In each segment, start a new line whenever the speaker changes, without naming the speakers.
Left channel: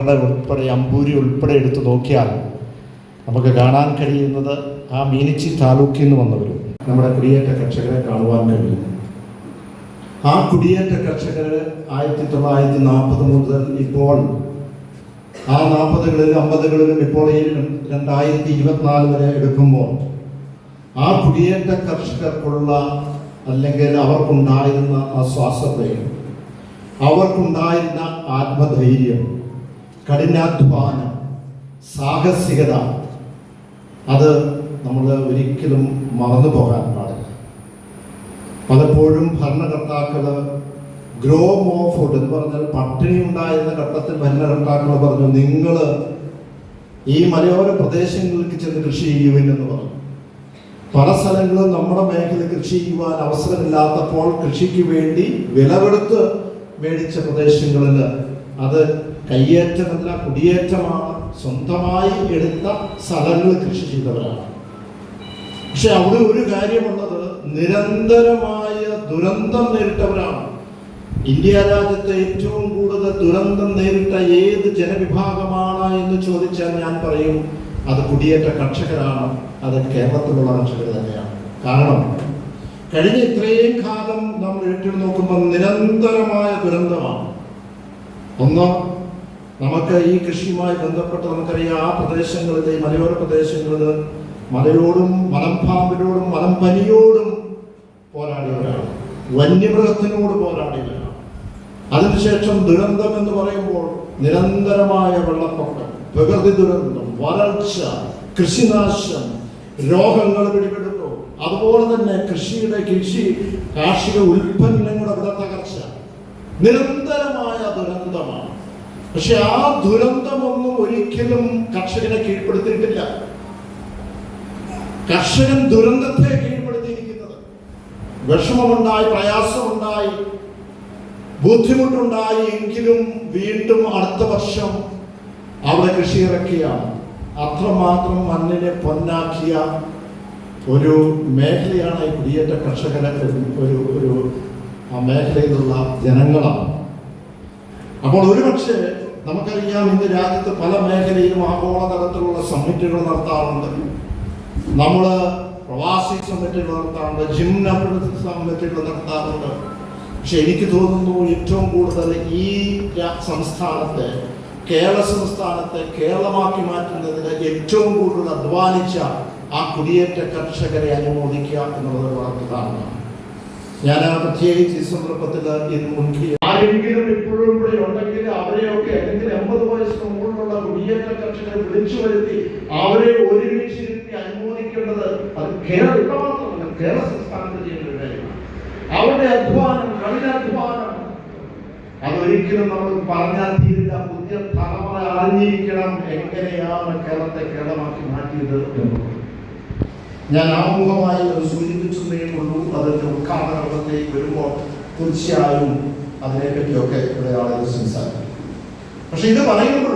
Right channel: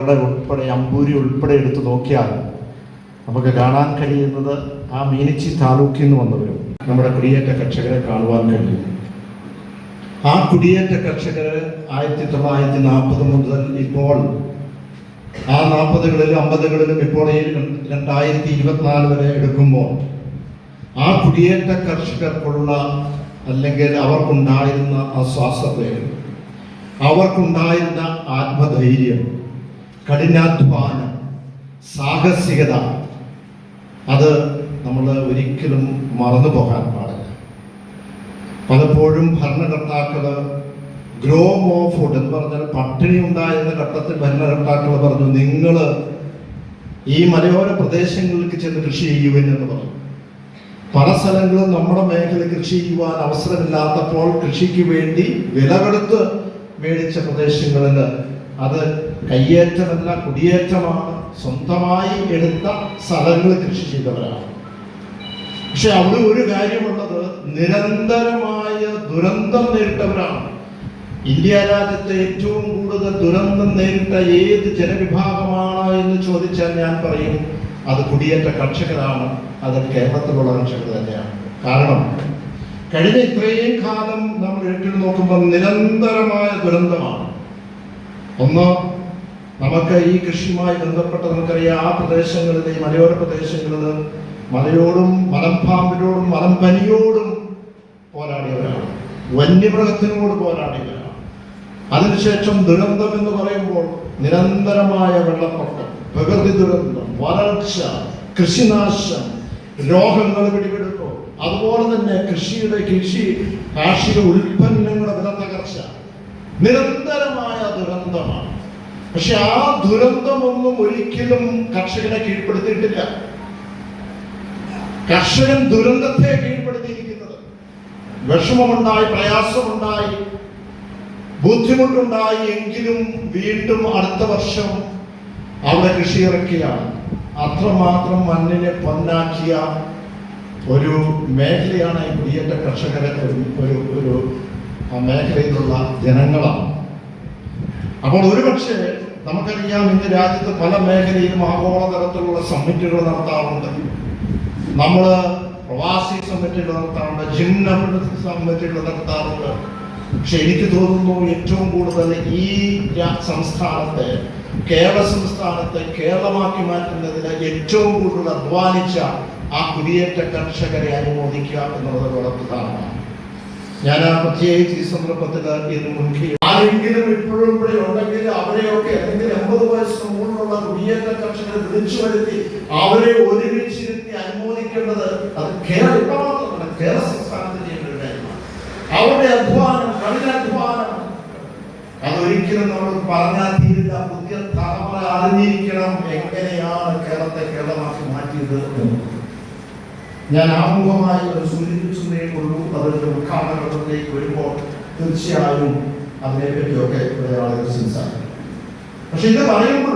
ഉൾപ്പെടെ അമ്പൂരി ഉൾപ്പെടെ എടുത്ത് നോക്കിയാൽ നമുക്ക് കാണാൻ കഴിയുന്നത് ആ മീനച്ചി താലൂക്കിൽ നിന്ന് വന്നവരും നമ്മുടെ കുടിയേറ്റ കർഷകരെ കാണുവാൻ കഴിയും. ആ കുടിയേറ്റ കർഷകർ ആയിരത്തി തൊള്ളായിരത്തി നാൽപ്പത് മുതൽ ഇപ്പോൾ ആ നാൽപ്പതുകളിലും അമ്പതുകളിലും ഇപ്പോൾ ഈ രണ്ടായിരത്തി ഇരുപത്തിനാല് വരെ എടുക്കുമ്പോൾ ആ കുടിയേറ്റ കർഷകർക്കുള്ള അല്ലെങ്കിൽ അവർക്കുണ്ടായിരുന്ന ആ ശ്വാസത്തെ അവർക്കുണ്ടായിരുന്ന ആത്മധൈര്യം കഠിനാധ്വാനം സാഹസികത അത് നമ്മൾ ഒരിക്കലും മറന്നു പോകാൻ പാടില്ല. പലപ്പോഴും ഭരണകർത്താക്കൾ ഗ്രോ മോ ഫുഡ് എന്ന് പറഞ്ഞാൽ പട്ടിണി ഉണ്ടായിരുന്ന ഘട്ടത്തിൽ ഭരണകർത്താക്കൾ പറഞ്ഞു നിങ്ങൾ ഈ മലയോര പ്രദേശങ്ങൾക്ക് ചെന്ന് കൃഷി ചെയ്യുവിൻ എന്ന് പറഞ്ഞു. പല സ്ഥലങ്ങളും നമ്മുടെ മേഖല കൃഷി ചെയ്യുവാൻ അവസരമില്ലാത്തപ്പോൾ കൃഷിക്ക് വേണ്ടി വിലവെടുത്ത് മേടിച്ച പ്രദേശങ്ങളിൽ അത് കയ്യേറ്റമല്ല കുടിയേറ്റമാണ്. സ്വന്തമായി എടുത്ത സ്ഥലങ്ങൾ കൃഷി ചെയ്തവരാണ്. പക്ഷെ അവിടെ ഒരു കാര്യമുള്ളത് നിരന്തരമായ ദുരന്തം നേരിട്ടവരാണ്. ഇന്ത്യ രാജ്യത്തെ ഏറ്റവും കൂടുതൽ ദുരന്തം നേരിട്ട ഏത് ജനവിഭാഗമാണ് എന്ന് ചോദിച്ചാൽ ഞാൻ പറയും അത് കുടിയേറ്റ കർഷകരാണ് അത് കേരളത്തിലുള്ള കർഷകർ തന്നെയാണ്. കാരണം കഴിഞ്ഞ ഇത്രയും കാലം നമ്മൾ ഏറ്റെടുത്ത് നോക്കുമ്പോൾ നിരന്തരമായ ദുരന്തമാണ്. ഒന്ന് നമുക്ക് ഈ കൃഷിയുമായി ബന്ധപ്പെട്ട് നമുക്കറിയാം ആ പ്രദേശങ്ങളിൽ മലയോര പ്രദേശങ്ങളിൽ മലയോടും മലമ്പാമ്പിനോടും മലമ്പനിയോടും പോരാടിയവരാണ്. വന്യമൃഗത്തിനോട് പോരാടിയവരാണ്. അതിനുശേഷം ദുരന്തം എന്ന് പറയുമ്പോൾ നിരന്തരമായ വെള്ളപ്പൊക്കം പ്രകൃതി ദുരന്തം വരൾച്ച കൃഷിനാശം രോഗങ്ങൾ പിടിപെടുന്നു അതുപോലെ തന്നെ കൃഷിയുടെ കൃഷി കാർഷിക ഉൽപ്പന്നങ്ങളുടെ വില തകർച്ച നിരന്തരമായ ദുരന്തമാണ്. പക്ഷെ ആ ദുരന്തമൊന്നും ഒരിക്കലും കർഷകനെ കീഴ്പ്പെടുത്തിയിട്ടില്ല. കർഷകൻ ദുരന്തത്തെ കീഴ്പ്പെടുത്തിയിരിക്കുന്നത് വിഷമമുണ്ടായി പ്രയാസമുണ്ടായി ബുദ്ധിമുട്ടുണ്ടായി എങ്കിലും വീണ്ടും അടുത്ത വർഷം അവിടെ കൃഷി ഇറക്കിയാണ് അത്രമാത്രം മണ്ണിനെ പൊന്നാക്കിയ ഒരു മേഖലയാണ് ഈ കുടിയേറ്റ കർഷകരെ ഒരു- ഒരു മേഖലയിലുള്ള ജനങ്ങളാണ്. അപ്പോൾ ഒരുപക്ഷെ നമുക്കറിയാം ഇന്ന് രാജ്യത്ത് പല മേഖലയിലും ആഗോള തരത്തിലുള്ള സമ്മിറ്റുകൾ നടത്താറുണ്ട്. നമ്മൾ പ്രവാസി സമ്മിറ്റുകൾ നടത്താറുണ്ട് ജിംന സമ്മിറ്റുകൾ നടത്താറുണ്ട്. പക്ഷെ എനിക്ക് തോന്നുന്നു ഏറ്റവും കൂടുതൽ ഈ സംസ്ഥാനത്തെ കേരള സംസ്ഥാനത്തെ കേരളമാക്കി മാറ്റുന്നതിന് ഏറ്റവും കൂടുതൽ അധ്വാനിച്ച ആ കുടിയേറ്റ കർഷകരെ അനുമോദിക്കുക എന്നുള്ളത് പ്രധാനമാണ് ഞാൻ ആ പ്രത്യേകിച്ച് ഈ സന്ദർഭത്തിൽ ഇന്ന് മുൻകൈ ആരെങ്കിലും ഇപ്പോഴും ഇവിടെ ഉണ്ടെങ്കിൽ അവരെയൊക്കെ അല്ലെങ്കിൽ എൺപത് വയസ്സിന് മുകളിലുള്ള കുടിയേറ്റ കർഷകരെ വിളിച്ചു വരുത്തി അവരെ ഒരുമിച്ചിരുത്തി അനുമോദിക്കേണ്ടത് അത് കേരള ഇവിടെ മാത്രമല്ല കേരള സംസ്ഥാനത്ത് ചെയ്യേണ്ട അവരുടെ അധ്വാനം കഠിനാധ്വാനം അതൊരിക്കലും നമ്മൾ പറഞ്ഞാൽ തീരില്ല. പുതിയ തലമുറ അറിഞ്ഞിരിക്കണം എങ്ങനെയാണ് കേരളത്തെ കേരളമാക്കി മാറ്റിയത് ഞാൻ ആമുഖമായി ഒരു സൂചിപ്പിച്ചതേ കൊണ്ടു അതിന്റെ ഉദ്ഘാടനത്തിലേക്ക് വരുമ്പോൾ തീർച്ചയായും അതിനെപ്പറ്റിയൊക്കെ ആളുകൾ സംസാരിക്കും. പക്ഷെ ഇത് പറയുമ്പോഴും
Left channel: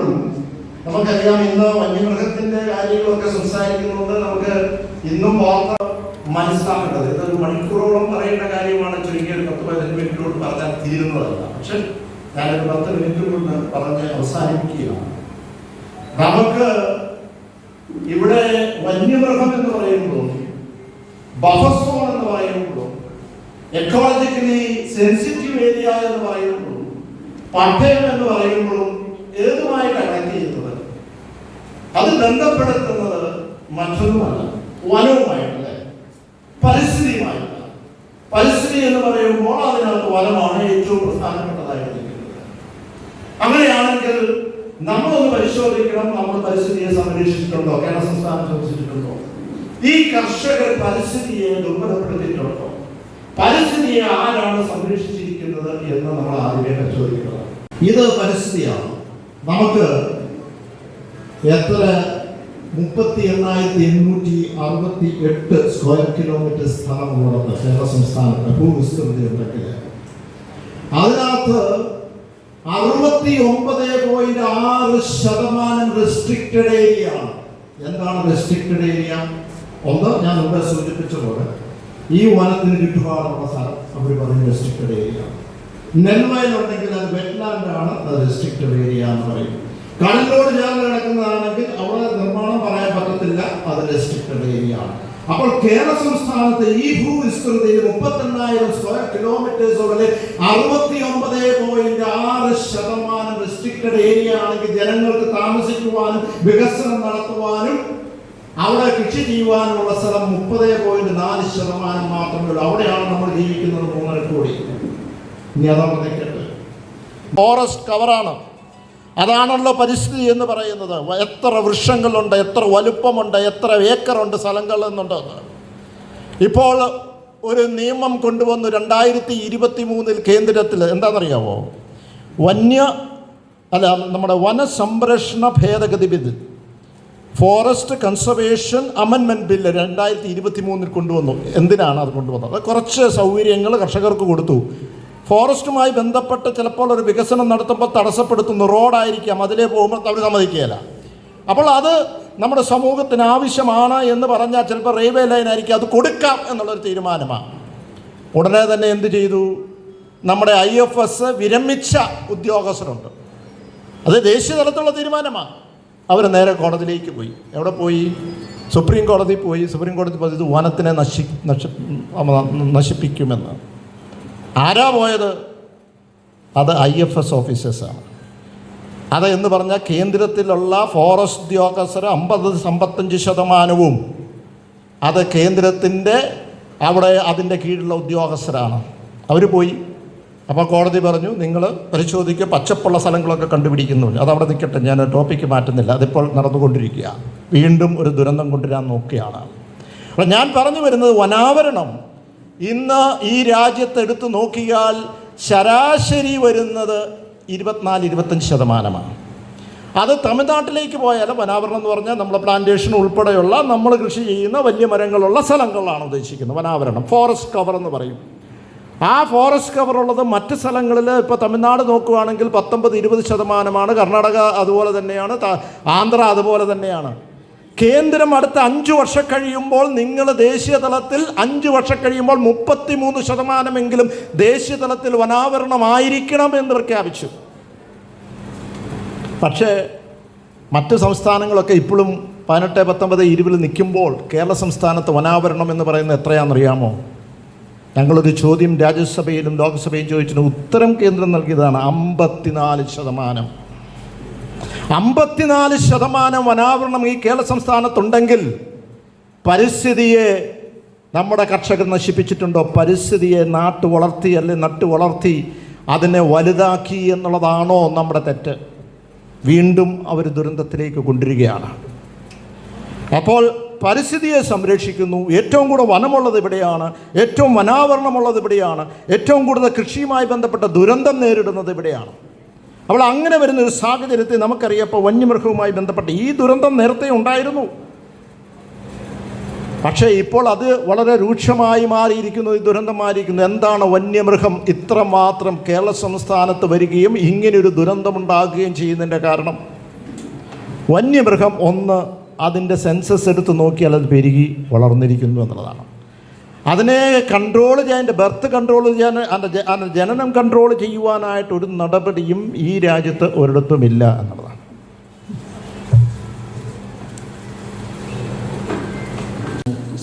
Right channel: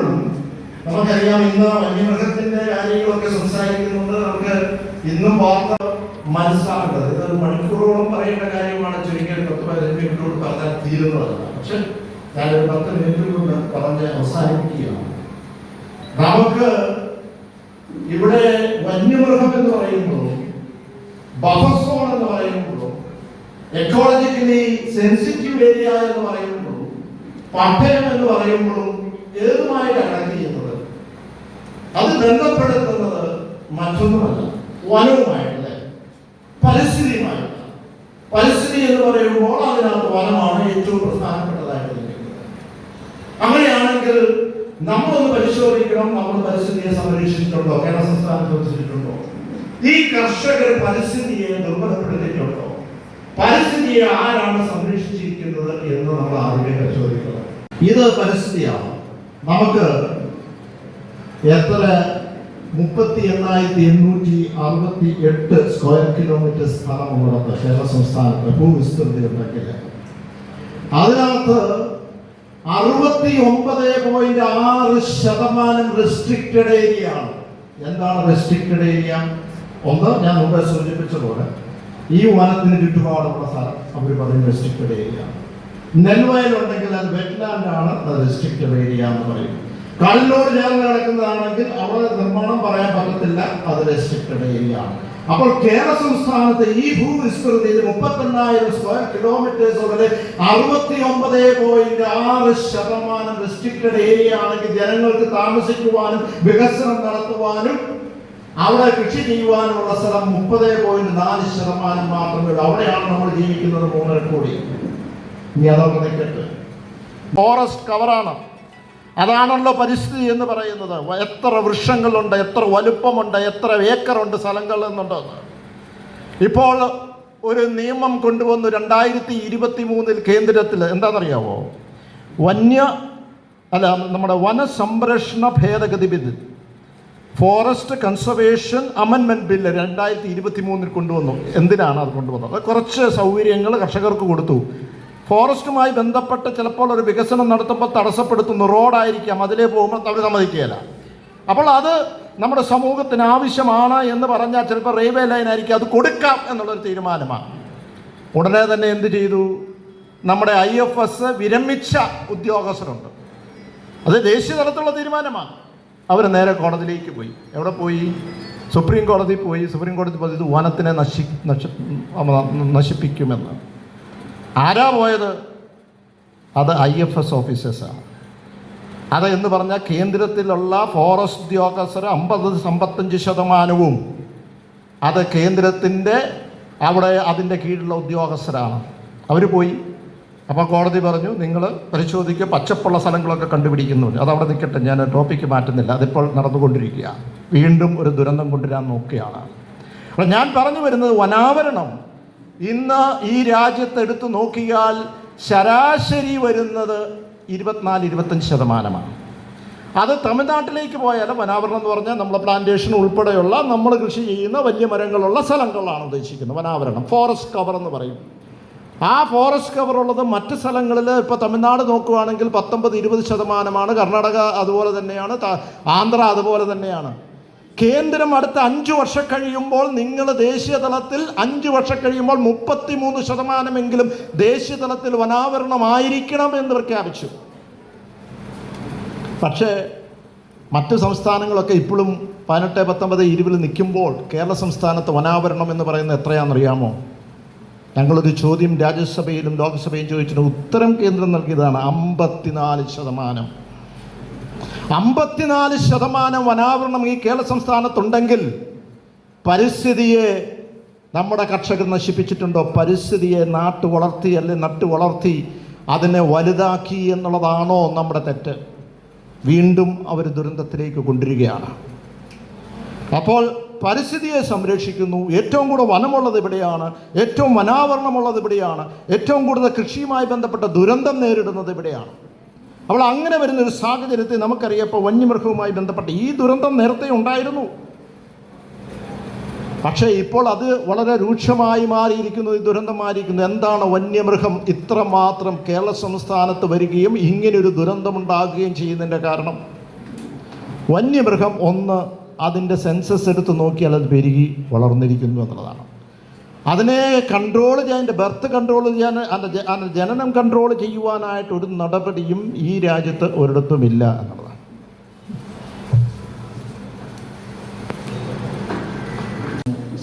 നമുക്കറിയാം ഇന്ന് വന്യമൃഗത്തിന്റെ കാര്യങ്ങളൊക്കെ സംസാരിക്കുന്നുണ്ട്. നമുക്ക് ഇന്നും വാർത്ത മനസ്സിലാക്കേണ്ടത് ഇതൊരു മണിക്കൂറോളം പറയേണ്ട കാര്യമാണ്. ചുരുങ്ങിയ ഒരു പത്ത് പതിനഞ്ച് മിനിറ്റിനോട് പറഞ്ഞാൽ തീരുന്നതല്ല. പക്ഷെ ഞാനൊരു പത്ത് മിനിറ്റ് കൊണ്ട് പറഞ്ഞ് അവസാനിപ്പിക്കുകയാണ്. നമുക്ക് ഇവിടെ വന്യമൃഗം എന്ന് പറയുമ്പോൾ ബഫസോൺ എന്ന് പറയുമ്പോൾ എക്കോളജിക്കലി സെൻസിറ്റീവ് ഏരിയ എന്ന് പറയുമ്പോൾ പട്ടയം എന്ന് പറയുമ്പോഴും ഏതുമായിട്ട് കണക്ട് അത് ബന്ധപ്പെടുത്തുന്നത് മറ്റൊന്നുമല്ല. വനവുമായിട്ടല്ലേ? പരിസ്ഥിതിയുമായിട്ടാണ്. പരിസ്ഥിതി എന്ന് പറയുമ്പോൾ അതിനകത്ത് വനമാണ് ഏറ്റവും പ്രധാനപ്പെട്ടതായിട്ട് നിൽക്കുന്നത് അങ്ങനെയാണെങ്കിൽ നമ്മളൊന്ന് പരിശോധിക്കണം നമ്മൾ പരിസ്ഥിതിയെ സംരക്ഷിച്ചിട്ടുണ്ടോ? കേരള സംസ്ഥാനം സംരക്ഷിച്ചിട്ടുണ്ടോ? ഈ കർഷകർ പരിസ്ഥിതിയെ ദുർബലപ്പെടുത്തിയിട്ടുണ്ടോ? പരിസ്ഥിതിയെ ആരാണ് സംരക്ഷിച്ചിരിക്കുന്നത് എന്ന് നമ്മൾ ആദ്യമേ പരിശോധിക്കണം. ഇത് പരിസ്ഥിതിയാണ്. നമുക്ക് എത്ര? മുപ്പത്തി എണ്ണായിരത്തി എണ്ണൂറ്റി അറുപത്തി എട്ട് സ്ക്വയർ കിലോമീറ്റർ സ്ഥലമുള്ളത് കേരള സംസ്ഥാനത്ത് ഭൂവിസ്തൃതി ഉണ്ടെങ്കിൽ അതിനകത്ത് അറുപത്തി ഒമ്പത് പോയിന്റ് ആറ് ശതമാനം റെസ്ട്രിക്റ്റഡ് ഏരിയ ആണ്. എന്താണ് റെസ്ട്രിക്റ്റഡ് ഏരിയ ഒന്ന് ഞാൻ മുമ്പ് സൂചിപ്പിച്ച പോലെ ഈ വനത്തിന് ചുറ്റുപാടുള്ള സ്ഥലം അവർ പറയുന്ന റെസ്ട്രിക്റ്റഡ് ഏരിയ നെൽവയലുണ്ടെങ്കിൽ അത് വെറ്റ്ലാൻഡ് ആണ് റെസ്ട്രിക്റ്റഡ് ഏരിയ എന്ന് പറയും. കടലിനോട് ചേർന്ന് കിടക്കുന്നതാണെങ്കിൽ അവിടെ നിർമ്മാണം പറയാൻ പറ്റത്തില്ല. അത് റെസ്ട്രിക്റ്റഡ് ഏരിയ ആണ്. അപ്പോൾ കേരള സംസ്ഥാനത്ത് ഈ ഭൂവിസ്തൃതിയിൽ മുപ്പത്തെണ്ണായിരം സ്ക്വയർ കിലോമീറ്റേഴ്സ് അറുപത്തി ഒമ്പത് പോയിന്റ് ആറ് ശതമാനം റെസ്ട്രിക്റ്റഡ് ഏരിയ ആണെങ്കിൽ ജനങ്ങൾക്ക് താമസിക്കുവാനും വികസനം നടത്തുവാനും അവിടെ കൃഷി ചെയ്യുവാനുള്ള സ്ഥലം മുപ്പത് പോയിന്റ് നാല് ശതമാനം മാത്രമേ ഉള്ളൂ. അവിടെയാണ് നമ്മൾ ജീവിക്കുന്നത് മൂന്നര കോടി. ഇനി അതവിടെ നിൽക്കട്ടെ. ഫോറസ്റ്റ് കവറാണ് അതാണല്ലോ പരിസ്ഥിതി എന്ന് പറയുന്നത്. എത്ര വൃക്ഷങ്ങളുണ്ട് എത്ര വലുപ്പമുണ്ട് എത്ര ഏക്കറുണ്ട് സ്ഥലങ്ങൾ എന്നുണ്ട്. ഇപ്പോൾ ഒരു നിയമം കൊണ്ടുവന്നു രണ്ടായിരത്തി ഇരുപത്തി മൂന്നിൽ കേന്ദ്രത്തിൽ എന്താണെന്നറിയാവോ? വന്യ അല്ല നമ്മുടെ വനസംരക്ഷണ ഭേദഗതി ബിൽ ഫോറസ്റ്റ് കൺസർവേഷൻ അമെൻമെന്റ് ബില്ല് രണ്ടായിരത്തി ഇരുപത്തി മൂന്നിൽ കൊണ്ടുവന്നു. എന്തിനാണ് അത് കൊണ്ടുവന്നത്? കുറച്ച് സൗകര്യങ്ങൾ കർഷകർക്ക് കൊടുത്തു. ഫോറസ്റ്റുമായി ബന്ധപ്പെട്ട് ചിലപ്പോൾ ഒരു വികസനം നടത്തുമ്പോൾ തടസ്സപ്പെടുത്തുന്നു. റോഡായിരിക്കാം. അതിലേ പോകുമ്പോൾ അവർ സമ്മതിക്കുകയില്ല. അപ്പോൾ അത് നമ്മുടെ സമൂഹത്തിന് ആവശ്യമാണ് എന്ന് പറഞ്ഞാൽ ചിലപ്പോൾ റെയിൽവേ ലൈൻ ആയിരിക്കും അത് കൊടുക്കാം എന്നുള്ളൊരു തീരുമാനമാണ്. ഉടനെ തന്നെ എന്ത് ചെയ്തു? നമ്മുടെ ഐ എഫ് എസ് വിരമിച്ച ഉദ്യോഗസ്ഥരുണ്ട്. അത് ദേശീയ തലത്തിലുള്ള തീരുമാനമാണ്. അവർ നേരെ കോടതിയിലേക്ക് പോയി. എവിടെ പോയി? സുപ്രീം കോടതി പോയി. സുപ്രീം കോടതി ഇത് വനത്തിനെ നശി നശിപ്പിക്കുമെന്ന്. ആരാ പോയത്? അത് ഐ എഫ് എസ് ഓഫീസേഴ്സാണ്. അത് എന്ന് പറഞ്ഞാൽ കേന്ദ്രത്തിലുള്ള ഫോറസ്റ്റ് ഉദ്യോഗസ്ഥർ അമ്പത് അമ്പത്തഞ്ച് ശതമാനവും അത് കേന്ദ്രത്തിന്റെ അവിടെ അതിന്റെ കീഴിലുള്ള ഉദ്യോഗസ്ഥരാണ്. അവർ പോയി. അപ്പോൾ കോടതി പറഞ്ഞു നിങ്ങൾ പരിശോധിക്കുക പച്ചപ്പുള്ള സ്ഥലങ്ങളൊക്കെ കണ്ടുപിടിക്കുന്നു. അത് അവിടെ നിൽക്കട്ടെ ഞാൻ ടോപ്പിക്ക് മാറ്റുന്നില്ല. അതിപ്പോൾ നടന്നുകൊണ്ടിരിക്കുക വീണ്ടും ഒരു ദുരന്തം കൊണ്ടുവരാൻ നോക്കുകയാണ്. അപ്പോൾ ഞാൻ പറഞ്ഞു വരുന്നത് വനാവരണം. ഇന്ന് ഈ രാജ്യത്ത് എടുത്തു നോക്കിയാൽ ശരാശരി വരുന്നത് ഇരുപത്തിനാല് ഇരുപത്തഞ്ച് ശതമാനമാണ്. അത് തമിഴ്നാട്ടിലേക്ക് പോയാൽ വനാവരണം എന്ന് പറഞ്ഞാൽ നമ്മുടെ പ്ലാന്റേഷൻ ഉൾപ്പെടെയുള്ള നമ്മൾ കൃഷി ചെയ്യുന്ന വലിയ മരങ്ങളുള്ള സ്ഥലങ്ങളാണ് ഉദ്ദേശിക്കുന്നത്. വനാവരണം ഫോറസ്റ്റ് കവർ എന്ന് പറയും. ആ ഫോറസ്റ്റ് കവർ ഉള്ളത് മറ്റ് സ്ഥലങ്ങളിൽ ഇപ്പോൾ തമിഴ്നാട് നോക്കുകയാണെങ്കിൽ പത്തൊമ്പത് ഇരുപത് ശതമാനമാണ്. കർണാടക അതുപോലെ തന്നെയാണ് ആന്ധ്ര അതുപോലെ തന്നെയാണ്. കേന്ദ്രം അടുത്ത അഞ്ച് വർഷം കഴിയുമ്പോൾ നിങ്ങൾ ദേശീയ തലത്തിൽ അഞ്ച് വർഷം കഴിയുമ്പോൾ മുപ്പത്തി മൂന്ന് ശതമാനമെങ്കിലും ദേശീയ തലത്തിൽ വനാവരണമായിരിക്കണം എന്ന് പ്രഖ്യാപിച്ചു. പക്ഷേ മറ്റ് സംസ്ഥാനങ്ങളൊക്കെ ഇപ്പോഴും പതിനെട്ട് പത്തൊമ്പത് ഇരുപതിൽ നിൽക്കുമ്പോൾ കേരള സംസ്ഥാനത്ത് വനാവരണം എന്ന് പറയുന്നത് എത്രയാണെന്നറിയാമോ? ഞങ്ങളൊരു ചോദ്യം രാജ്യസഭയിലും ലോക്സഭയിലും ചോദിച്ചിട്ട് ഉത്തരം കേന്ദ്രം നൽകിയതാണ് അമ്പത്തിനാല് ശതമാനം. അമ്പത്തിനാല് ശതമാനം വനാവരണം ഈ കേരള സംസ്ഥാനത്തുണ്ടെങ്കിൽ പരിസ്ഥിതിയെ നമ്മുടെ കർഷകർ നശിപ്പിച്ചിട്ടുണ്ടോ? പരിസ്ഥിതിയെ നാട്ടു വളർത്തി അല്ലെ നട്ടു വളർത്തി അതിനെ വലുതാക്കി എന്നുള്ളതാണോ നമ്മുടെ തെറ്റ്? വീണ്ടും അവർ ദുരന്തത്തിലേക്ക് കൊണ്ടുവരികയാണ്. അപ്പോൾ പരിസ്ഥിതിയെ സംരക്ഷിക്കുന്നു. ഏറ്റവും കൂടുതൽ വനമുള്ളത് ഇവിടെയാണ്. ഏറ്റവും വനാവരണമുള്ളത് ഇവിടെയാണ്. ഏറ്റവും കൂടുതൽ കൃഷിയുമായി ബന്ധപ്പെട്ട ദുരന്തം നേരിടുന്നത് ഇവിടെയാണ്. അപ്പോൾ അങ്ങനെ വരുന്ന ഒരു സാഹചര്യത്തെ നമുക്കറിയാം വന്യമൃഗവുമായി ബന്ധപ്പെട്ട് ഈ ദുരന്തം നേരത്തെ ഉണ്ടായിരുന്നു. പക്ഷേ ഇപ്പോൾ അത് വളരെ രൂക്ഷമായി മാറിയിരിക്കുന്നു ഈ ദുരന്തം മാറിയിരിക്കുന്നു. എന്താണ് വന്യമൃഗം? ഇത്രമാത്രം കേരള സംസ്ഥാനത്ത് വരികയും ഇങ്ങനെയൊരു ദുരന്തമുണ്ടാകുകയും ചെയ്യുന്നതിന്റെ കാരണം? വന്യമൃഗം ഒന്ന് അതിന്റെ സെൻസസ് എടുത്ത് നോക്കിയാൽ അത് പെരുകി വളർന്നിരിക്കുന്നു എന്നുള്ളതാണ്. അതിനെ കൺട്രോൾ ചെയ്യാൻ എന്റെ ബർത്ത് കൺട്രോൾ ചെയ്യാൻ അതിന്റെ അതിന്റെ ജനനം കൺട്രോൾ ചെയ്യുവാനായിട്ട് ഒരു നടപടിയും ഈ രാജ്യത്ത് ഒരിടത്തുമില്ല എന്നുള്ളതാണ്.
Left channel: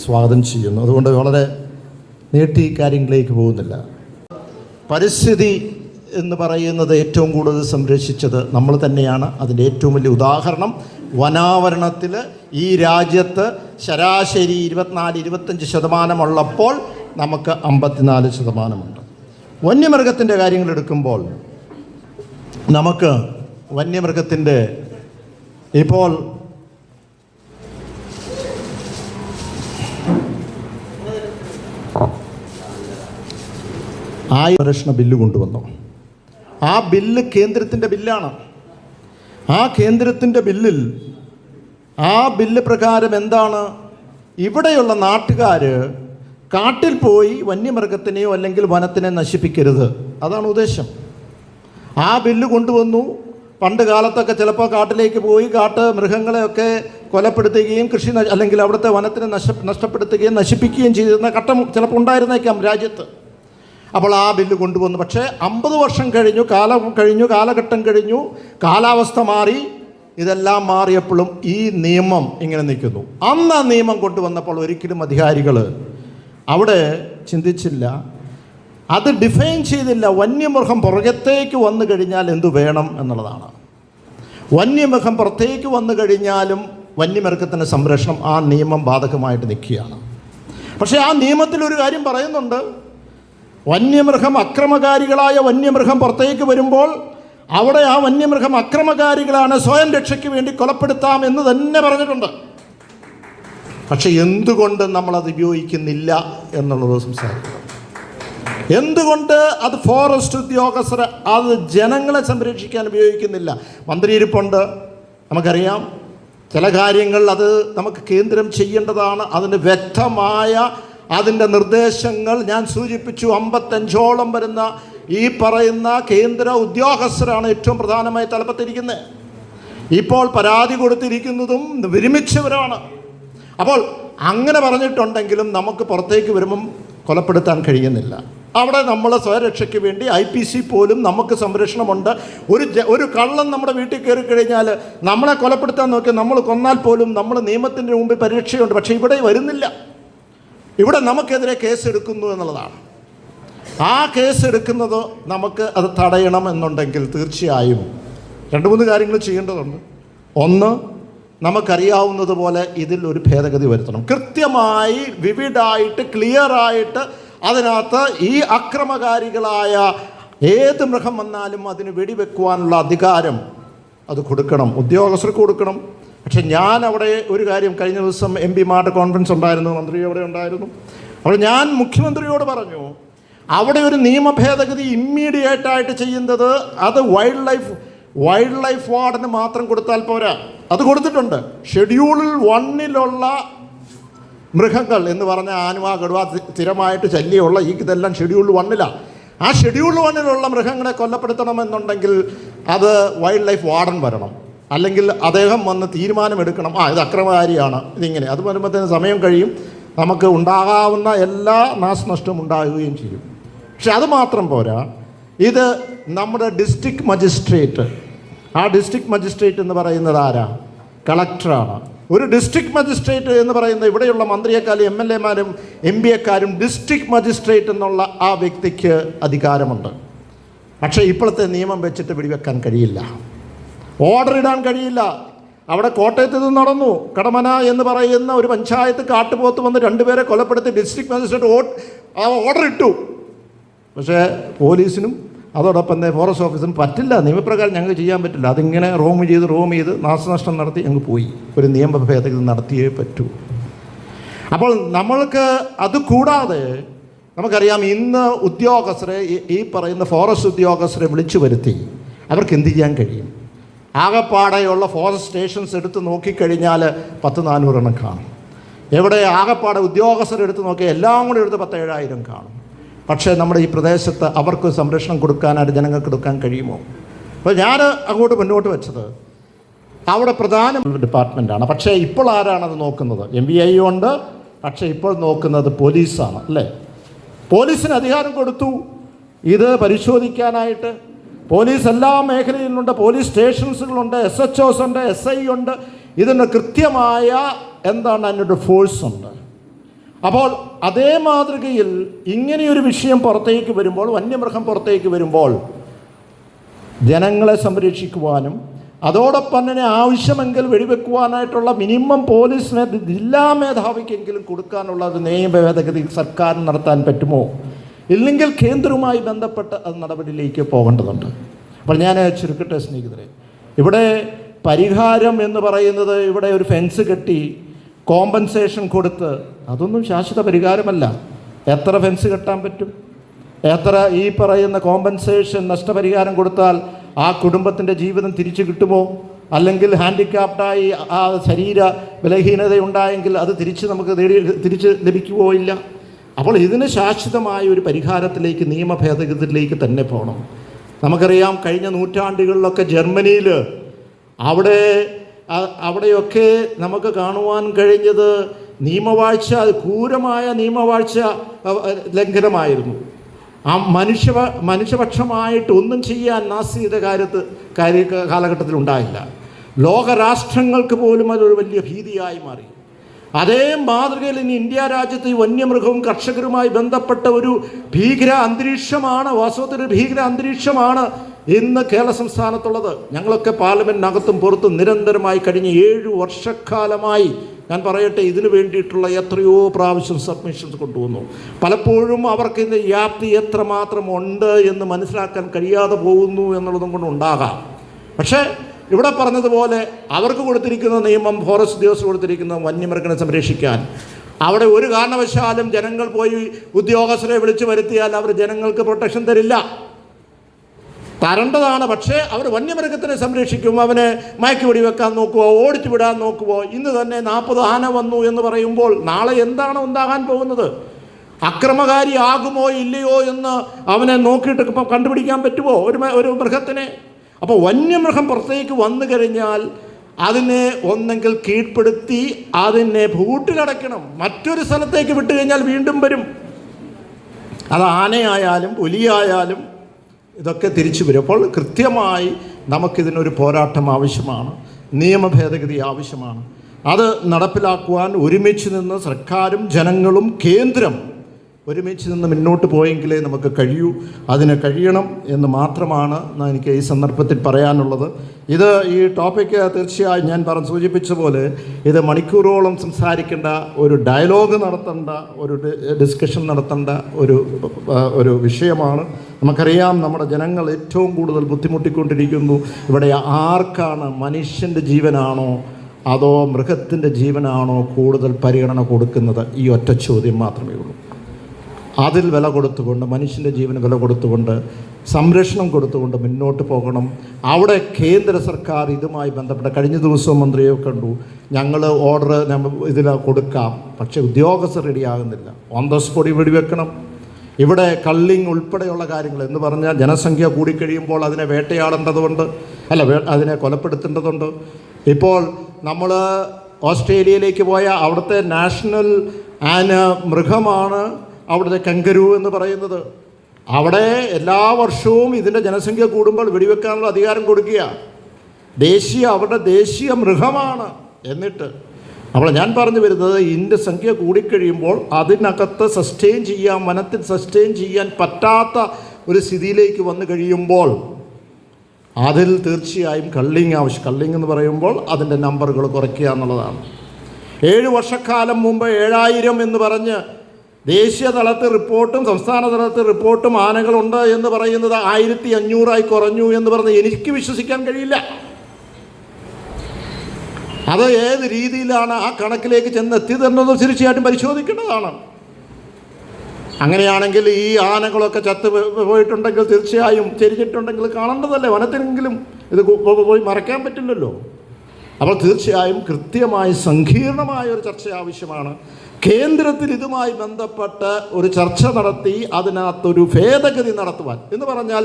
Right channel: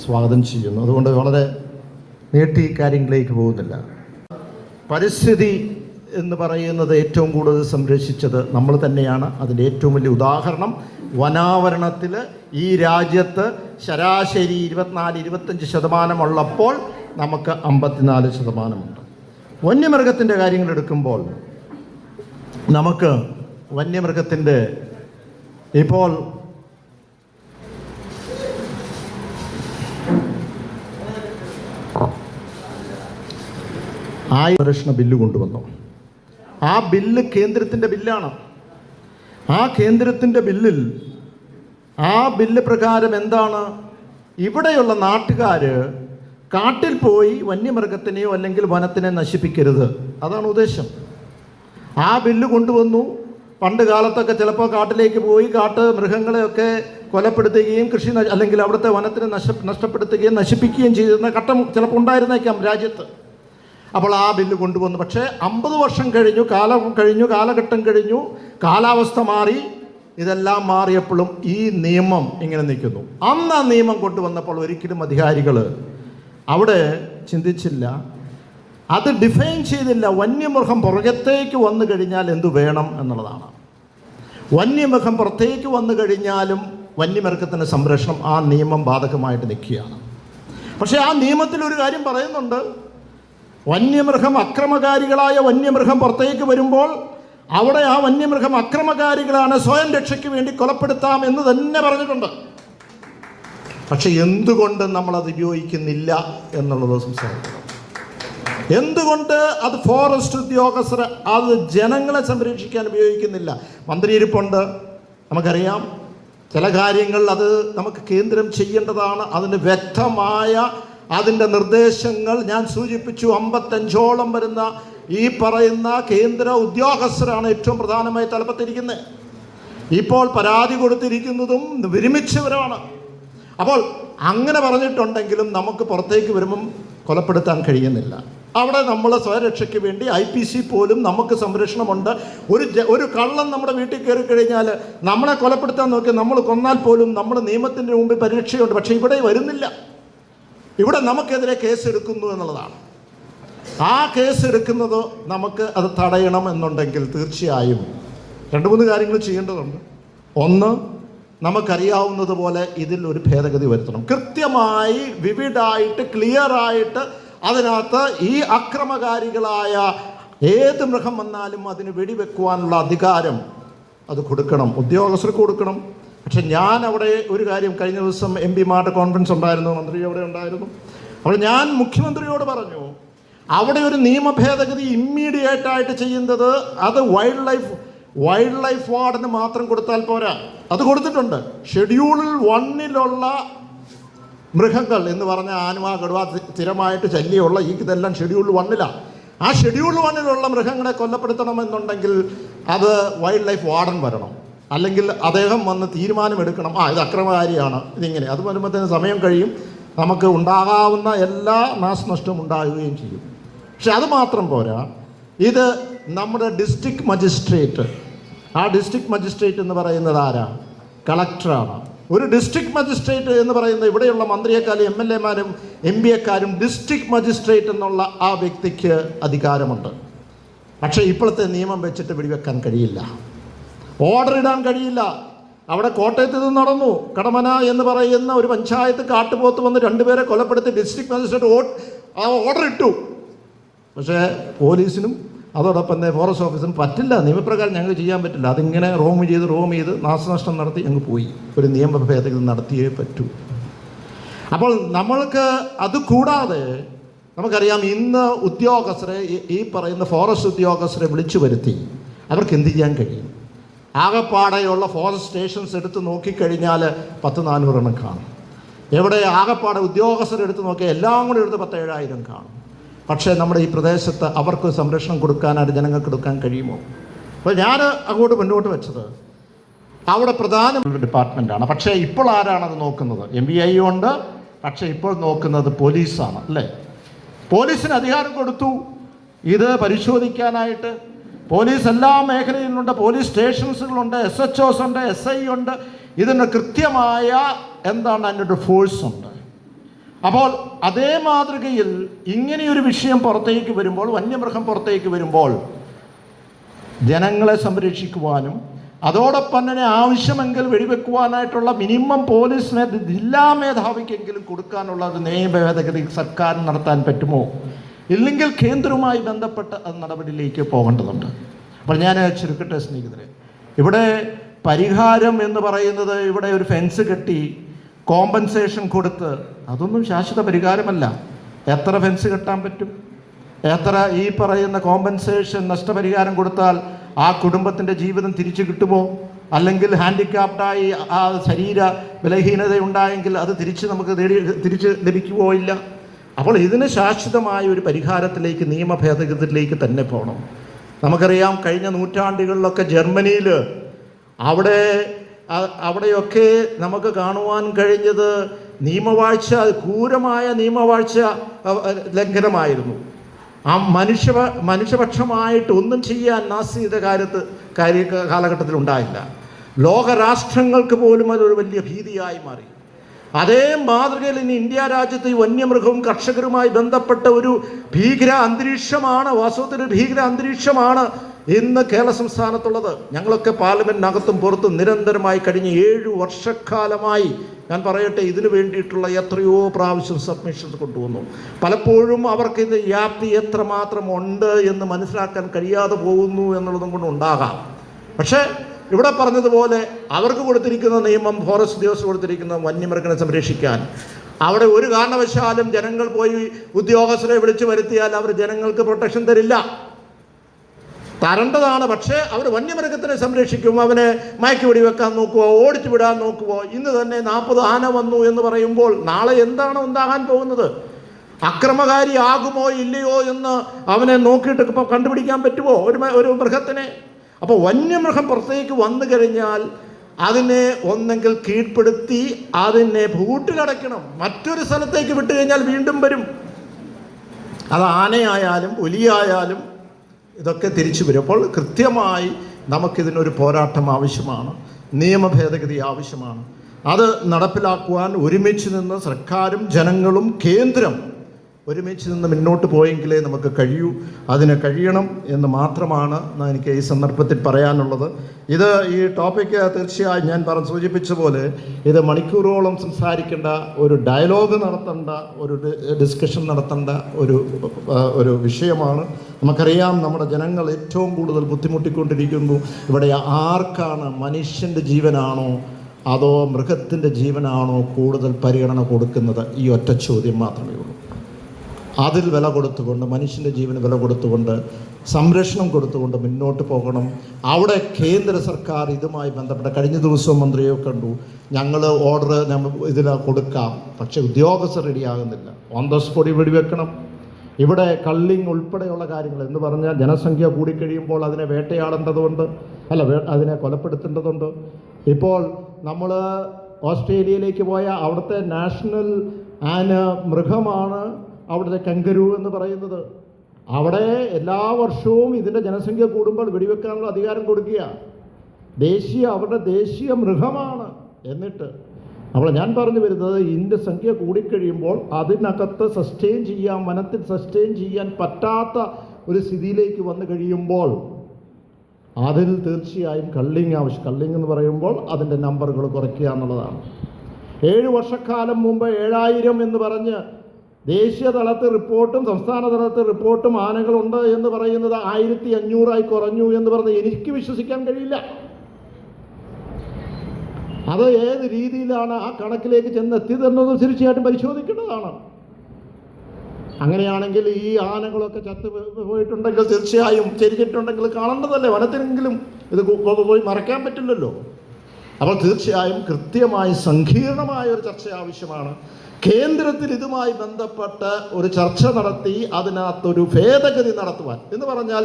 സ്വാഗതം ചെയ്യുന്നു. അതുകൊണ്ട് വളരെ നീട്ടി കാര്യങ്ങളിലേക്ക് പോകുന്നില്ല. പരിസ്ഥിതി എന്ന് പറയുന്നത് ഏറ്റവും കൂടുതൽ സംരക്ഷിച്ചത് നമ്മൾ തന്നെയാണ്. അതിന്റെ ഏറ്റവും വലിയ ഉദാഹരണം വനാവരണത്തിൽ ഈ രാജ്യത്ത് ശരാശരി ഇരുപത്തിനാല് ഇരുപത്തഞ്ച് ശതമാനമുള്ളപ്പോൾ നമുക്ക് അമ്പത്തിനാല് ശതമാനമുണ്ട്. വന്യമൃഗത്തിന്റെ കാര്യങ്ങൾ എടുക്കുമ്പോൾ നമുക്ക് വന്യമൃഗത്തിന്റെ ഇപ്പോൾ ആയുരക്ഷണ ബില്ല് കൊണ്ടുവന്നു. ആ ബില്ല് കേന്ദ്രത്തിന്റെ ബില്ലാണ്. ആ കേന്ദ്രത്തിന്റെ ബില്ലിൽ ആ ബില്ല് പ്രകാരം എന്താണ്? ഇവിടെയുള്ള നാട്ടുകാർ കാട്ടിൽ പോയി വന്യമൃഗത്തിനെയോ അല്ലെങ്കിൽ വനത്തിനെ നശിപ്പിക്കരുത്. അതാണ് ഉദ്ദേശം. ആ ബില്ല് കൊണ്ടുവന്നു. പണ്ട് കാലത്തൊക്കെ ചിലപ്പോൾ കാട്ടിലേക്ക് പോയി കാട്ട് മൃഗങ്ങളെയൊക്കെ കൊലപ്പെടുത്തുകയും കൃഷി അല്ലെങ്കിൽ അവിടുത്തെ വനത്തിനെ നശ നഷ്ടപ്പെടുത്തുകയും നശിപ്പിക്കുകയും ചെയ്തിരുന്ന ഘട്ടം ചിലപ്പോൾ ഉണ്ടായിരുന്നേക്കാം രാജ്യത്ത്. അപ്പോൾ ആ ബില്ല് കൊണ്ടുവന്നു. പക്ഷേ അമ്പത് വർഷം കഴിഞ്ഞു കാലം കഴിഞ്ഞു കാലഘട്ടം കഴിഞ്ഞു കാലാവസ്ഥ മാറി ഇതെല്ലാം മാറിയപ്പോഴും ഈ നിയമം ഇങ്ങനെ നിൽക്കുന്നു. അന്ന് ആ നിയമം കൊണ്ടുവന്നപ്പോൾ ഒരിക്കലും അധികാരികൾ അവിടെ ചിന്തിച്ചില്ല. അത് ഡിഫൈൻ ചെയ്തില്ല. വന്യമൃഗം പുറകത്തേക്ക് വന്നു കഴിഞ്ഞാൽ എന്തു വേണം എന്നുള്ളതാണ്. വന്യമൃഗം പുറത്തേക്ക് വന്നു കഴിഞ്ഞാലും വന്യമൃഗത്തിന്റെ സംരക്ഷണം ആ നിയമം ബാധകമായിട്ട് നിൽക്കുകയാണ്. പക്ഷേ ആ നിയമത്തിൽ ഒരു കാര്യം പറയുന്നുണ്ട്. വന്യമൃഗം അക്രമകാരികളായ വന്യമൃഗം പുറത്തേക്ക് വരുമ്പോൾ അവിടെ ആ വന്യമൃഗം അക്രമകാരികളാണ് സ്വയം രക്ഷയ്ക്ക് വേണ്ടി കൊലപ്പെടുത്താം എന്ന് തന്നെ പറഞ്ഞിട്ടുണ്ട്. പക്ഷെ എന്തുകൊണ്ട് അത് ഉപയോഗിക്കുന്നില്ല എന്നുള്ളത് സംസാരിക്കും എന്തുകൊണ്ട് അത് ഫോറസ്റ്റ് ഉദ്യോഗസ്ഥർ അത് ജനങ്ങളെ സംരക്ഷിക്കാൻ ഉപയോഗിക്കുന്നില്ല? മന്ത്രി ഇരിപ്പുണ്ട്. നമുക്കറിയാം. ചില കാര്യങ്ങൾ അത് നമുക്ക് കേന്ദ്രം ചെയ്യേണ്ടതാണ്. അതിന് വ്യക്തമായ അതിന്റെ നിർദ്ദേശങ്ങൾ ഞാൻ സൂചിപ്പിച്ചു അമ്പത്തഞ്ചോളം വരുന്ന ഈ പറയുന്ന കേന്ദ്ര ഉദ്യോഗസ്ഥരാണ് ഏറ്റവും പ്രധാനമായി തലപ്പത്തിരിക്കുന്നത്. ഇപ്പോൾ പരാതി കൊടുത്തിരിക്കുന്നതും വിരമിച്ചവരാണ്. അപ്പോൾ അങ്ങനെ പറഞ്ഞിട്ടുണ്ടെങ്കിലും നമുക്ക് പുറത്തേക്ക് വരുമ്പം കൊലപ്പെടുത്താൻ കഴിയുന്നില്ല. അവിടെ നമ്മൾ സ്വരക്ഷയ്ക്ക് വേണ്ടി ഐ പി സി പോലും നമുക്ക് സംരക്ഷണമുണ്ട്. ഒരു ഒരു കള്ളം നമ്മുടെ വീട്ടിൽ കയറി കഴിഞ്ഞാൽ നമ്മളെ കൊലപ്പെടുത്താൻ നോക്കി നമ്മൾ കൊന്നാൽ പോലും നമ്മൾ നിയമത്തിന്റെ മുമ്പിൽ പരീക്ഷയുണ്ട്. പക്ഷേ ഇവിടെ വരുന്നില്ല. ഇവിടെ നമുക്കെതിരെ കേസ് എടുക്കുന്നു എന്നുള്ളതാണ്. ആ കേസ് എടുക്കുന്നത് നമുക്ക് അത് തടയണം എന്നുണ്ടെങ്കിൽ തീർച്ചയായും രണ്ട് മൂന്ന് കാര്യങ്ങൾ ചെയ്യേണ്ടതുണ്ട്. ഒന്ന് നമുക്കറിയാവുന്നതുപോലെ ഇതിൽ ഒരു ഭേദഗതി വരുത്തണം. കൃത്യമായി വിവിഡായിട്ട് ക്ലിയർ ആയിട്ട് അതിനകത്ത് ഈ അക്രമകാരികളായ ഏത് മൃഗം വന്നാലും അതിന് വെടിവെക്കുവാനുള്ള അധികാരം അത് കൊടുക്കണം. ഉദ്യോഗസ്ഥർക്ക് കൊടുക്കണം. പക്ഷെ ഞാൻ അവിടെ ഒരു കാര്യം കഴിഞ്ഞ ദിവസം എം പിമാരുടെ കോൺഫറൻസ് ഉണ്ടായിരുന്നു മന്ത്രി അവിടെ ഉണ്ടായിരുന്നു. അപ്പോൾ ഞാൻ മുഖ്യമന്ത്രിയോട് പറഞ്ഞു അവിടെ ഒരു നിയമ ഭേദഗതി ഇമ്മീഡിയറ്റ് ആയിട്ട് ചെയ്യുന്നത് അത് വൈൽഡ് ലൈഫ് വൈൽഡ് ലൈഫ് വാർഡിന് മാത്രം കൊടുത്താൽ പോരാ. അത് കൊടുത്തിട്ടുണ്ട്. ഷെഡ്യൂളിൽ വണ്ണിലുള്ള മൃഗങ്ങൾ എന്ന് പറഞ്ഞ ആനുവ കടുവ സ്ഥി- സ്ഥിരമായിട്ട് ശല്യമുള്ള ഈ ഇതെല്ലാം ഷെഡ്യൂൾ വണ്ണിലാണ് ആ ഷെഡ്യൂൾ വണ്ണിലുള്ള മൃഗങ്ങളെ കൊല്ലപ്പെടുത്തണമെന്നുണ്ടെങ്കിൽ അത് വൈൽഡ് ലൈഫ് വാർഡൻ വരണം. അല്ലെങ്കിൽ അദ്ദേഹം വന്ന് തീരുമാനമെടുക്കണം. ആ ഇത് അക്രമകാരിയാണ്. ഇതിങ്ങനെ. അത് വരുമ്പോഴത്തേന് സമയം കഴിയും. നമുക്ക് ഉണ്ടാകാവുന്ന എല്ലാ നാശനഷ്ടവും ഉണ്ടാകുകയും ചെയ്യും. പക്ഷെ അത് മാത്രം പോരാ. ഇത് നമ്മുടെ ഡിസ്ട്രിക്ട് മജിസ്ട്രേറ്റ്. ആ ഡിസ്ട്രിക്ട് മജിസ്ട്രേറ്റ് എന്ന് പറയുന്നത് ആരാ? കളക്ടറാണ്. ഒരു ഡിസ്ട്രിക്ട് മജിസ്ട്രേറ്റ് എന്ന് പറയുന്നത് ഇവിടെയുള്ള മന്ത്രിയെക്കാളും എം എൽ എമാരും എം പി എക്കാരും ഡിസ്ട്രിക്ട് മജിസ്ട്രേറ്റ് എന്നുള്ള ആ വ്യക്തിക്ക് അധികാരമുണ്ട്. പക്ഷേ ഇപ്പോഴത്തെ നിയമം വെച്ചിട്ട് വെടിവെക്കാൻ കഴിയില്ല. ഓർഡർ ഇടാൻ കഴിയില്ല. അവിടെ കോട്ടയത്ത് ഇത് നടന്നു. കടമന എന്ന് പറയുന്ന ഒരു പഞ്ചായത്ത് കാട്ടുപോത്ത് വന്ന് രണ്ടുപേരെ കൊലപ്പെടുത്തി ഡിസ്ട്രിക്ട് മജിസ്ട്രേറ്റ് ഓർഡർ ഇട്ടു. പക്ഷേ പോലീസിനും അതോടൊപ്പം തന്നെ ഫോറസ്റ്റ് ഓഫീസിനും പറ്റില്ല. നിയമപ്രകാരം ഞങ്ങൾക്ക് ചെയ്യാൻ പറ്റില്ല. അതിങ്ങനെ റോം ചെയ്ത് റോം ചെയ്ത് നാശനഷ്ടം നടത്തി ഞങ്ങൾ പോയി. ഒരു നിയമ ഭേദഗതി നടത്തിയേ പറ്റൂ. അപ്പോൾ നമ്മൾക്ക് അത് കൂടാതെ നമുക്കറിയാം ഇന്ന് ഉദ്യോഗസ്ഥരെ ഈ പറയുന്ന ഫോറസ്റ്റ് ഉദ്യോഗസ്ഥരെ വിളിച്ചു വരുത്തി. അവർക്ക് എന്ത് ചെയ്യാൻ കഴിയും? ആകപ്പാടെയുള്ള ഫോറസ്റ്റ് സ്റ്റേഷൻസ് എടുത്ത് നോക്കിക്കഴിഞ്ഞാൽ പത്ത് നാനൂറെണ്ണം കാണും. എവിടെ ആകപ്പാടെ ഉദ്യോഗസ്ഥരെടുത്ത് നോക്കിയാൽ എല്ലാം കൂടെ എടുത്ത് പത്ത് ഏഴായിരം കാണും. പക്ഷേ നമ്മുടെ ഈ പ്രദേശത്ത് അവർക്ക് സംരക്ഷണം കൊടുക്കാനായിട്ട് ജനങ്ങൾക്ക് കൊടുക്കാൻ കഴിയുമോ? അപ്പോൾ ഞാൻ അങ്ങോട്ട് മുന്നോട്ട് വെച്ചത്. അവിടെ പ്രധാന ഡിപ്പാർട്ട്മെന്റാണ് പക്ഷേ ഇപ്പോൾ ആരാണത് നോക്കുന്നത്? എം ബി ഐ ഉണ്ട്. പക്ഷേ ഇപ്പോൾ നോക്കുന്നത് പോലീസാണ് അല്ലേ? പോലീസിന് അധികാരം കൊടുത്തു. ഇത് പരിശോധിക്കാനായിട്ട് പോലീസ് എല്ലാ മേഖലയിലുണ്ട് പോലീസ് സ്റ്റേഷൻസുകളുണ്ട് എസ് എച്ച് ഒസ് ഉണ്ട് എസ് ഐ ഉണ്ട്. ഇതിന് കൃത്യമായ എന്താണ് അതിന്റെ ഫോഴ്സ് ഉണ്ട്. അപ്പോൾ അതേ മാതൃകയിൽ ഇങ്ങനെയൊരു വിഷയം പുറത്തേക്ക് വരുമ്പോൾ വന്യമൃഗം പുറത്തേക്ക് വരുമ്പോൾ ജനങ്ങളെ സംരക്ഷിക്കുവാനും അതോടൊപ്പം തന്നെ ആവശ്യമെങ്കിൽ വെടിവെക്കുവാനായിട്ടുള്ള മിനിമം പോലീസിനെ ജില്ലാ മേധാവിക്കെങ്കിലും കൊടുക്കാനുള്ള ഒരു നിയമ ഭേദഗതി സർക്കാർ നടത്താൻ പറ്റുമോ? ഇല്ലെങ്കിൽ കേന്ദ്രവുമായി ബന്ധപ്പെട്ട് അത് നടപടിയിലേക്ക് പോകേണ്ടതുണ്ട്. അപ്പോൾ ഞാൻ ചുരുക്കട്ടെ സ്നേഹിതരെ ഇവിടെ പരിഹാരം എന്ന് പറയുന്നത് ഇവിടെ ഒരു ഫെൻസ് കെട്ടി കോമ്പൻസേഷൻ കൊടുത്ത് അതൊന്നും ശാശ്വത പരിഹാരമല്ല. എത്ര ഫെൻസ് കെട്ടാൻ പറ്റും? എത്ര ഈ പറയുന്ന കോമ്പൻസേഷൻ നഷ്ടപരിഹാരം കൊടുത്താൽ ആ കുടുംബത്തിന്റെ ജീവിതം തിരിച്ചു കിട്ടുമോ? അല്ലെങ്കിൽ ഹാൻഡിക്യാപ്റ്റായി ആ ശരീര ബലഹീനത ഉണ്ടായെങ്കിൽ അത് തിരിച്ച് നമുക്ക് നേടി തിരിച്ച് ലഭിക്കുമോ ഇല്ല? അപ്പോൾ ഇതിന് ശാശ്വതമായ ഒരു പരിഹാരത്തിലേക്ക് നിയമ ഭേദഗതിയിലേക്ക് തന്നെ പോകണം നമുക്കറിയാം കഴിഞ്ഞ നൂറ്റാണ്ടുകളിലൊക്കെ ജർമ്മനിയിൽ അവിടെ അവിടെയൊക്കെ നമുക്ക് കാണുവാൻ കഴിഞ്ഞത് നിയമവാഴ്ച ക്രൂരമായ നിയമവാഴ്ച ലംഘനമായിരുന്നു. ആ മനുഷ്യ മനുഷ്യപക്ഷമായിട്ട് ഒന്നും ചെയ്യാൻ നാസിയുടെ കാര്യത്ത് കാര്യ കാലഘട്ടത്തിൽ ഉണ്ടായില്ല ലോകരാഷ്ട്രങ്ങൾക്ക് പോലും അതൊരു വലിയ ഭീതിയായി മാറി. അതേ മാതൃകയിൽ ഇനി ഇന്ത്യ രാജ്യത്ത് ഈ വന്യമൃഗവും കർഷകരുമായി ബന്ധപ്പെട്ട ഒരു ഭീകര അന്തരീക്ഷമാണ് വാസ്തവത്തിൽ ഭീകര അന്തരീക്ഷമാണ് ഇന്ന് കേരള സംസ്ഥാനത്തുള്ളത്. ഞങ്ങളൊക്കെ പാർലമെന്റിനകത്തും പുറത്തും നിരന്തരമായി കഴിഞ്ഞ ഏഴു വർഷക്കാലമായി ഞാൻ പറയട്ടെ ഇതിനു വേണ്ടിയിട്ടുള്ള എത്രയോ പ്രാവശ്യം സബ്മിഷൻസ് കൊണ്ടുവന്നു. പലപ്പോഴും അവർക്ക് ഇതിന്റെ വ്യാപ്തി എത്രമാത്രം ഉണ്ട് എന്ന് മനസ്സിലാക്കാൻ കഴിയാതെ പോകുന്നു എന്നുള്ളതും കൊണ്ടുണ്ടാകാം പക്ഷേ ഇവിടെ പറഞ്ഞതുപോലെ അവർക്ക് കൊടുത്തിരിക്കുന്ന നിയമം ഫോറസ്റ്റ് ഉദ്യോഗസ്ഥർ കൊടുത്തിരിക്കുന്ന വന്യമൃഗങ്ങളെ സംരക്ഷിക്കാൻ. അവിടെ ഒരു കാരണവശാലും ജനങ്ങൾ പോയി ഉദ്യോഗസ്ഥരെ വിളിച്ചു വരുത്തിയാൽ അവർ ജനങ്ങൾക്ക് പ്രൊട്ടക്ഷൻ തരില്ല. തരേണ്ടതാണ് പക്ഷേ അവർ വന്യമൃഗത്തിനെ സംരക്ഷിക്കും. അവനെ മയക്കി വെടിവെക്കാൻ നോക്കുവോ ഓടിച്ചു വിടാൻ നോക്കുവോ ഇന്ന് തന്നെ നാൽപ്പത് ആന വന്നു എന്ന് പറയുമ്പോൾ നാളെ എന്താണ് ഉണ്ടാകാൻ പോകുന്നത്? അക്രമകാരി ആകുമോ ഇല്ലയോ എന്ന് അവനെ നോക്കിയിട്ട് കണ്ടുപിടിക്കാൻ പറ്റുമോ ഒരു ഒരു മൃഗത്തിനെ അപ്പോൾ വന്യമൃഗം പുറത്തേക്ക് വന്നു കഴിഞ്ഞാൽ അതിനെ ഒന്നെങ്കിൽ കീഴ്പ്പെടുത്തി അതിനെ ഭൂട്ടിലടയ്ക്കണം മറ്റൊരു സ്ഥലത്തേക്ക് വിട്ടു കഴിഞ്ഞാൽ വീണ്ടും വരും. അത് ആനയായാലും പുലിയായാലും ഇതൊക്കെ തിരിച്ചു വരും. അപ്പോൾ കൃത്യമായി നമുക്കിതിനൊരു പോരാട്ടം ആവശ്യമാണ്. നിയമ ഭേദഗതി ആവശ്യമാണ്. അത് നടപ്പിലാക്കുവാൻ ഒരുമിച്ച് നിന്ന് സർക്കാരും ജനങ്ങളും കേന്ദ്രം ഒരുമിച്ച് നിന്ന് മുന്നോട്ട് പോയെങ്കിലേ നമുക്ക് കഴിയൂ. അതിന് കഴിയണം എന്ന് മാത്രമാണ് എനിക്ക് ഈ സന്ദർഭത്തിൽ പറയാനുള്ളത്. ഇത് ഈ ടോപ്പിക്ക് തീർച്ചയായും ഞാൻ പറഞ്ഞ് സൂചിപ്പിച്ച പോലെ ഇത് മണിക്കൂറോളം സംസാരിക്കേണ്ട ഒരു ഡയലോഗ് നടത്തേണ്ട ഒരു ഡിസ്കഷൻ നടത്തേണ്ട ഒരു ഒരു വിഷയമാണ്. നമുക്കറിയാം നമ്മുടെ ജനങ്ങൾ ഏറ്റവും കൂടുതൽ ബുദ്ധിമുട്ടിക്കൊണ്ടിരിക്കുന്നു. ഇവിടെ ആർക്കാണ് മനുഷ്യന്റെ ജീവനാണോ അതോ മൃഗത്തിന്റെ ജീവനാണോ കൂടുതൽ പരിഗണന കൊടുക്കുന്നത്? ഈ ഒറ്റ ചോദ്യം മാത്രമേ ഉള്ളൂ. അതിൽ വില കൊടുത്തുകൊണ്ട് മനുഷ്യന്റെ ജീവന് വില കൊടുത്തുകൊണ്ട് സംരക്ഷണം കൊടുത്തുകൊണ്ട് മുന്നോട്ട് പോകണം. അവിടെ കേന്ദ്ര സർക്കാർ ഇതുമായി ബന്ധപ്പെട്ട കഴിഞ്ഞ ദിവസവും മന്ത്രിയെ കണ്ടു. ഞങ്ങൾ ഓർഡർ ഇതിൽ കൊടുക്കാം. പക്ഷേ ഉദ്യോഗസ്ഥർ റെഡിയാകുന്നില്ല. On the സ്പോട്ടി വെടിവെക്കണം. ഇവിടെ കള്ളിങ് ഉൾപ്പെടെയുള്ള കാര്യങ്ങൾ എന്ന് പറഞ്ഞാൽ ജനസംഖ്യ കൂടിക്കഴിയുമ്പോൾ അതിനെ വേട്ടയാടേണ്ടതുണ്ട്. അല്ല അതിനെ കൊലപ്പെടുത്തേണ്ടതുണ്ട്. ഇപ്പോൾ നമ്മൾ ഓസ്ട്രേലിയയിലേക്ക് പോയ അവിടുത്തെ നാഷണൽ ആന മൃഗമാണ് അവിടുത്തെ കങ്കരു എന്ന് പറയുന്നത്. അവിടെ എല്ലാ വർഷവും ഇതിന്റെ ജനസംഖ്യ കൂടുമ്പോൾ വെടിവെക്കാനുള്ള അധികാരം കൊടുക്കുക. ദേശീയ അവരുടെ ദേശീയ മൃഗമാണ് എന്നിട്ട്. അപ്പോൾ ഞാൻ പറഞ്ഞു വരുന്നത് ഇതിന്റെ സംഖ്യ കൂടിക്കഴിയുമ്പോൾ അതിനകത്ത് സസ്റ്റെയിൻ ചെയ്യാൻ വനത്തിൽ സസ്റ്റെയിൻ ചെയ്യാൻ പറ്റാത്ത ഒരു സ്ഥിതിയിലേക്ക് വന്നു കഴിയുമ്പോൾ അതിൽ തീർച്ചയായും കള്ളിങ് ആവശ്യം കള്ളിങ് എന്ന് പറയുമ്പോൾ അതിന്റെ നമ്പറുകൾ കുറയ്ക്കുക എന്നുള്ളതാണ്. ഏഴ് വർഷക്കാലം മുമ്പ് ഏഴായിരം എന്ന് പറഞ്ഞ് ദേശീയ തലത്തിൽ റിപ്പോർട്ടും സംസ്ഥാന തലത്തിൽ റിപ്പോർട്ടും ആനകളുണ്ട് എന്ന് പറയുന്നത് ആയിരത്തി അഞ്ഞൂറായി കുറഞ്ഞു എന്ന് പറഞ്ഞ് എനിക്ക് വിശ്വസിക്കാൻ കഴിയില്ല. അത് ഏത് രീതിയിലാണ് ആ കണക്കിലേക്ക് ചെന്ന് എത്തിയതെന്നത് തീർച്ചയായിട്ടും പരിശോധിക്കേണ്ടതാണ്. അങ്ങനെയാണെങ്കിൽ ഈ ആനകളൊക്കെ ചത്ത് പോയിട്ടുണ്ടെങ്കിൽ തീർച്ചയായും ചെരിഞ്ഞിട്ടുണ്ടെങ്കിൽ കാണേണ്ടതല്ലേ? വനത്തിനെങ്കിലും ഇത് പോയി മറക്കാൻ പറ്റില്ലല്ലോ. അപ്പോൾ തീർച്ചയായും കൃത്യമായി സങ്കീർണമായ ഒരു ചർച്ച ആവശ്യമാണ്. കേന്ദ്രത്തിൽ ഇതുമായി ബന്ധപ്പെട്ട് ഒരു ചർച്ച നടത്തി അതിനകത്തൊരു ഭേദഗതി നടത്തുവാൻ. എന്ന് പറഞ്ഞാൽ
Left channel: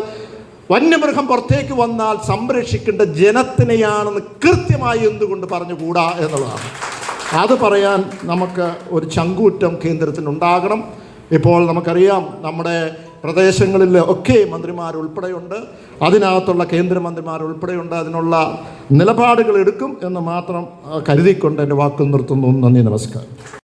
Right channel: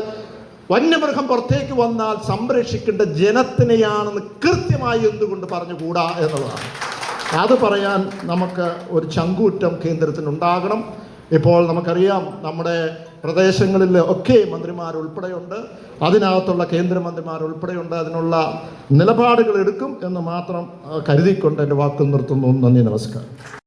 വന്യമൃഗം പുറത്തേക്ക് വന്നാൽ സംരക്ഷിക്കേണ്ട ജനത്തിനെയാണെന്ന് കൃത്യമായി എന്തുകൊണ്ട് പറഞ്ഞുകൂടാ എന്നുള്ളതാണ്. അത് പറയാൻ നമുക്ക് ഒരു ചങ്കൂറ്റം കേന്ദ്രത്തിനുണ്ടാകണം. ഇപ്പോൾ നമുക്കറിയാം നമ്മുടെ പ്രദേശങ്ങളിൽ ഒക്കെ മന്ത്രിമാർ ഉൾപ്പെടെയുണ്ട് അതിനകത്തുള്ള കേന്ദ്രമന്ത്രിമാർ ഉൾപ്പെടെയുണ്ട് അതിനുള്ള നിലപാടുകൾ എടുക്കും എന്ന് മാത്രം കരുതിക്കൊണ്ട് എന്റെ വാക്ക് നിർത്തുന്നു. നന്ദി നമസ്കാരം.